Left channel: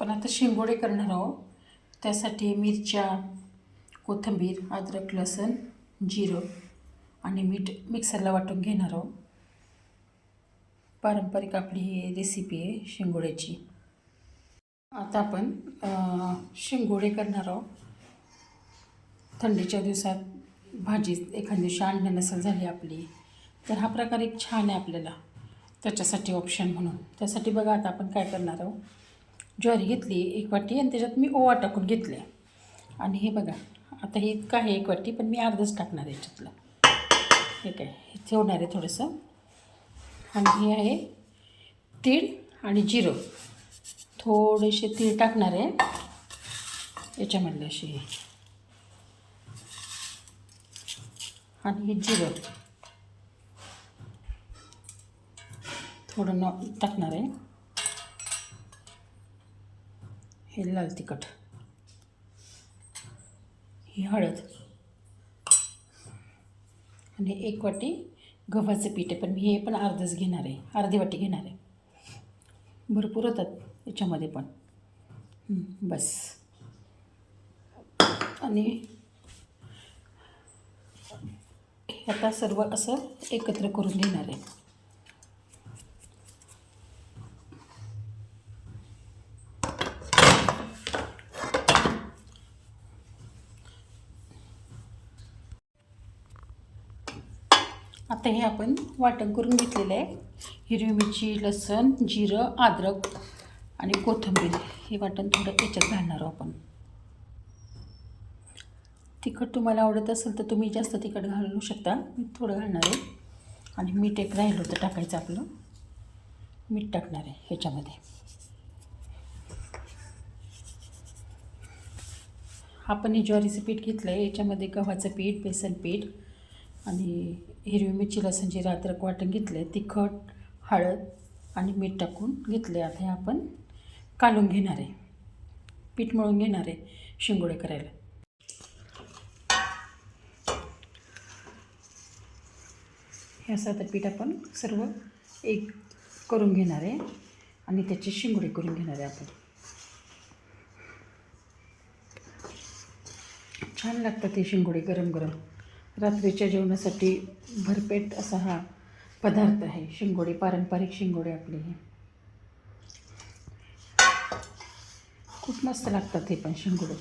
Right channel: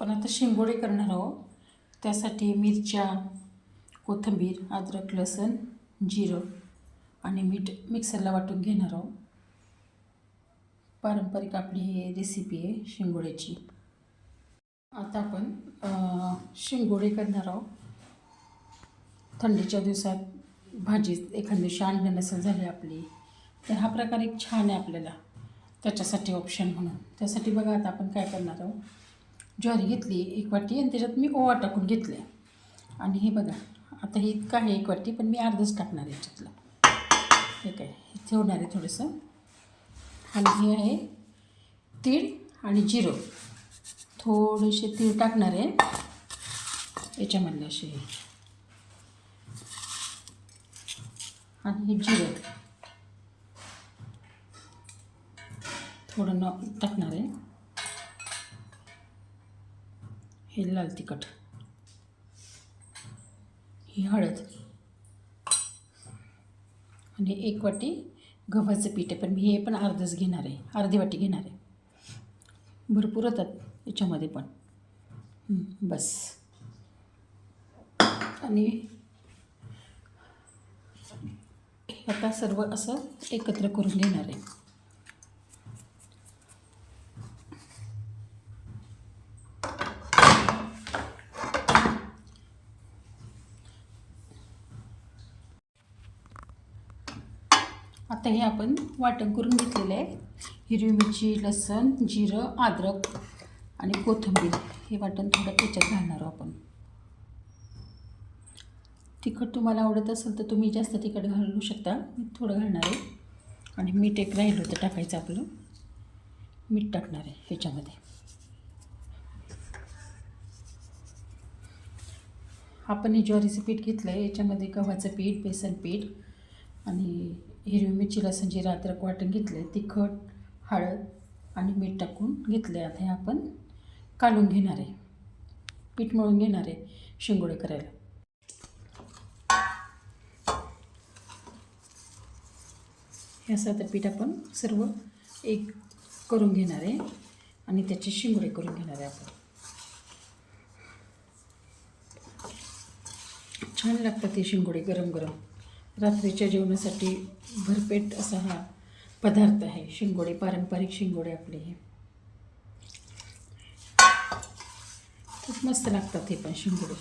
पण आता शिंगोडे करणार आहोत. त्यासाठी मिरच्या, कोथिंबीर, अद्रक, लसूण, जिरं आणि मीठ मिक्सरला वाटून घेणार आहोत. पारंपरिक आपली ही रेसिपी आहे शिंगोड्याची. आता आपण शिंगोडे करणार आहोत. थंडीच्या दिवसात भाजी एखाद्या दिवशी आणणं नसेल झाली आपली तर हा प्रकार एक छान आहे आपल्याला त्याच्यासाठी ऑप्शन म्हणून. त्यासाठी बघा आता आपण काय करणार आहोत. ज्वारी घेतली 1 वाटी आणि त्याच्यात मी ओवा टाकून घेतले. आणि हे बघा आता हे इतकं आहे 1 वाटी, पण मी अर्धच टाकणार आहे याच्यातलं. हे काय हे ठेवणार आहे थोडंसं. आणि हे आहे तीळ आणि जिरं. थोडेसे तीळ टाकणार आहे याच्यामधले असे. आणि हे जिरं थोडं टाकणार आहे. हे लाल तिखट, ही हळद आणि 1 वाटी गव्हाचं पीठ आहे, पण मी हे पण अर्धच घेणार आहे, अर्धी वाटी घेणार आहे. भरपूर होतात याच्यामध्ये पण बस. आणि हे आता सर्व असं एकत्र करून घेणार आहे. आता हे आपण वाटण करून घेतलेलं आहे. हिरवी मिरची, लसूण, जिरं, अद्रक आणि कोथिंबीर हे वाटण थोडं याच्यात घालणार आहोत आपण. तिखट तुम्हाला आवडत असेल तर तुम्ही जास्त तिखट घालू शकता. मी थोडं घालणार आहे. आणि मीठ एक राहिलं होतं टाकायचं आपलं, मीठ टाकणार आहे ह्याच्यामध्ये. आपण हे ज्वारीचं पीठ घेतलं आहे, याच्यामध्ये गव्हाचं पीठ, बेसन पीठ आणि हिरवी मिरची, लसूण, जिरं, अद्रक वाटण घेतलं आहे. तिखट, हळद आणि मीठ टाकून घेतलं आहे. आता हे आपण कालून घेणार आहे, पीठ मळून घेणार आहे शिंगोडे करायला. हे असं आता पीठ आपण सर्व एक करून घेणार आहे आणि त्याचे शिंगोडे करून घेणार आहे आपण. छान लागतात ते शिंगोडे गरम गरम. रात्रीच्या जेवणासाठी भरपेट असा हा पदार्थ आहे शिंगोडे, पारंपरिक शिंगोडे आपले. हे खूप मस्त लागतात हे पण शिंगोडे.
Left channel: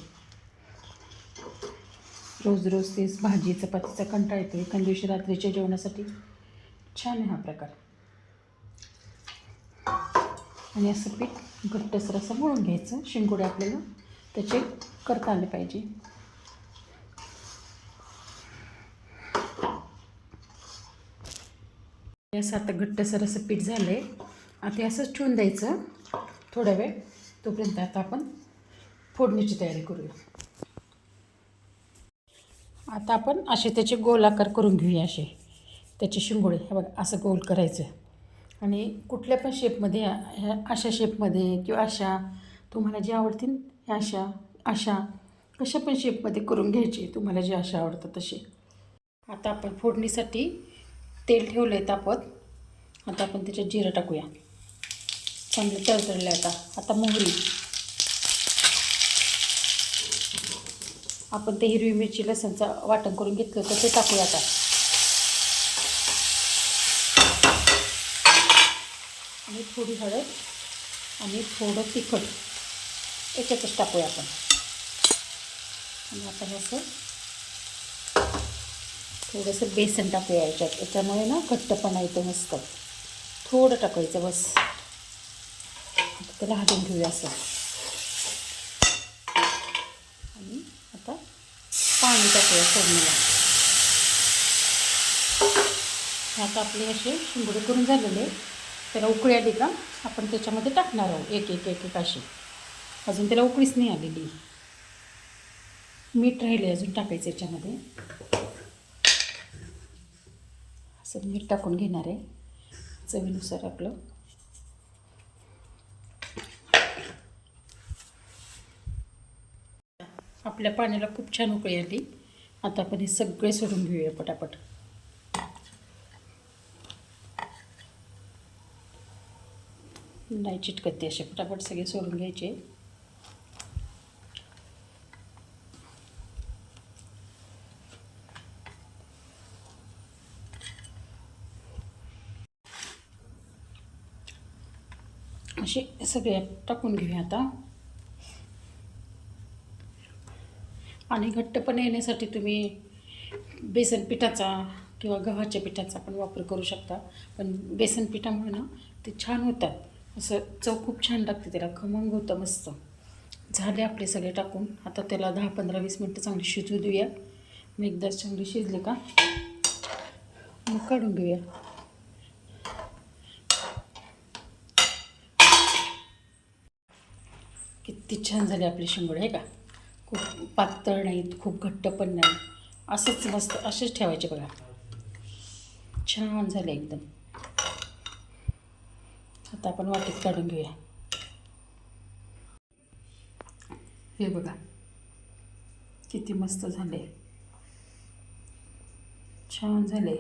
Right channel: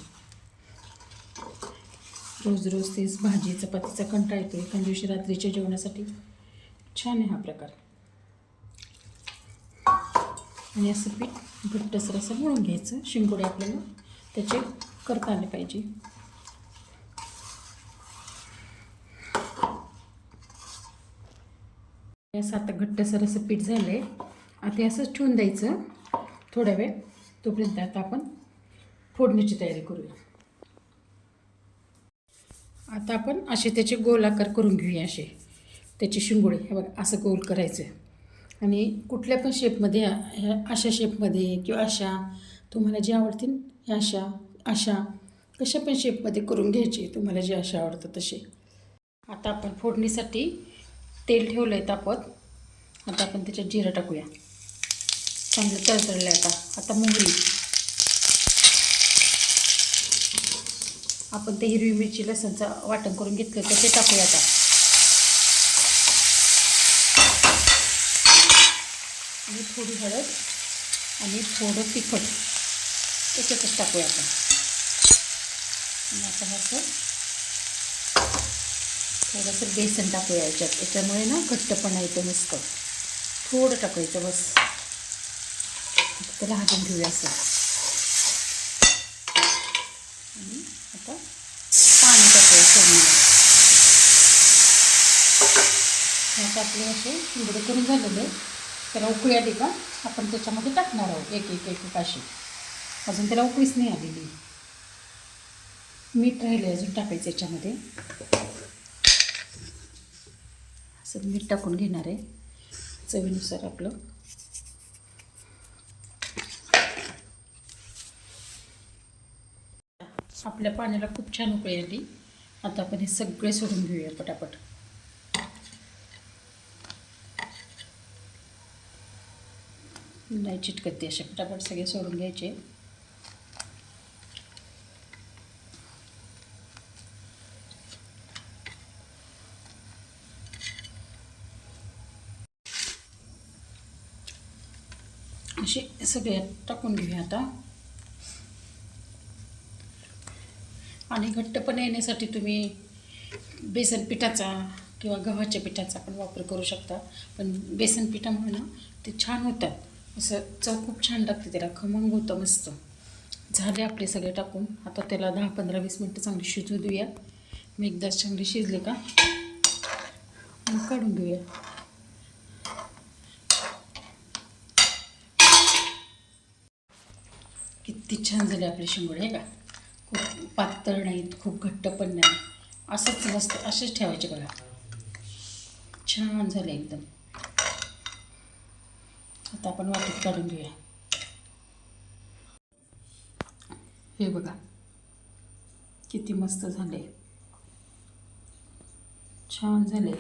रोज रोज तेच भाजी चपातीचा कंटाळा येतो, एखाद्या दिवशी रात्रीच्या जेवणासाठी छान आहे हा प्रकार. आणि असं पीठ घट्टसर असं मळून घ्यायचं. शिंगोडे आपल्याला त्याचे करता आले पाहिजे. असं आता घट्टसर असं पीठ झालं आहे. आता असंच ठेवून द्यायचं थोडा वेळ. तोपर्यंत आता आपण फोडणीची तयारी करूया. आता आपण असे त्याचे गोल आकार करून घेऊया. असे त्याचे शिंगोडे हे बघा असं गोल करायचं. आणि कुठल्या पण शेपमध्ये, अशा शेपमध्ये किंवा अशा तुम्हाला जे आवडतील ह्या अशा कशा पण शेपमध्ये करून घ्यायचे, तुम्हाला जे अशा आवडतात तसे. आता आपण फोडणीसाठी तेल ठेवलं आहे तापत. आता आपण त्याच्यात जिरं टाकूया. चांगलं तळतळलं आहे आता मोहरी. आपण ते हिरवी मिरची लसणचं वाटण करून घेतलं तर ते टाकूया आता. आणि थोडी हळद आणि थोडं तिखट याच्यातच टाकूया आपण. आणि आपण असं थोडंसं बेसन टाकूया याच्यात. याच्यामुळे ना घट्टपणा येतो मस्त. थोडं टाकायचं बस. त्याला हातून घेऊया असं. आणि आता पाणी टाकूया फोडणीला. आता आपले असे शिंगोडे करून झालेले. त्याला उकळी आली का आपण त्याच्यामध्ये टाकणार आहोत एक एक एक एक अशी. अजून त्याला उकळीच नाही आलेली. मीठ राहिले अजून टाकायचं याच्यामध्ये. असं मीठ टाकून घेणार आहे चवीनुसार आपलं. आपल्या पाण्याला खूप छान उकळी आली. आता आपण हे सगळे सोडून घेऊया पटापट. नाही चिटकत ते, असे पटापट सगळे सोडून घ्यायचे. सगळ्यात टाकून घेऊया आता. आणि घट्टपणा येण्यासाठी तुम्ही बेसन पिठाचा किंवा गव्हाच्या पिठाचा पण वापर करू शकता. पण बेसन पिठामुळे ना ते छान होतात, असं चव खूप छान लागते, त्याला खमंग होतं मस्त. झाले आपले सगळे टाकून. आता त्याला 10-15-20 मिनटं चांगली शिजू देऊया. मग एकदा चांगले शिजले का मग काढून घेऊया. किती छान झाले आपले शिंगोडे आहे का. खूप पातळ नाहीत, खूप घट्ट पण नाही, असंच मस्त असेच ठेवायचे बघा. छान झाले एकदम. आता आपण वाटीत काढून घेऊया. हे बघा किती मस्त झाले, छान झाले.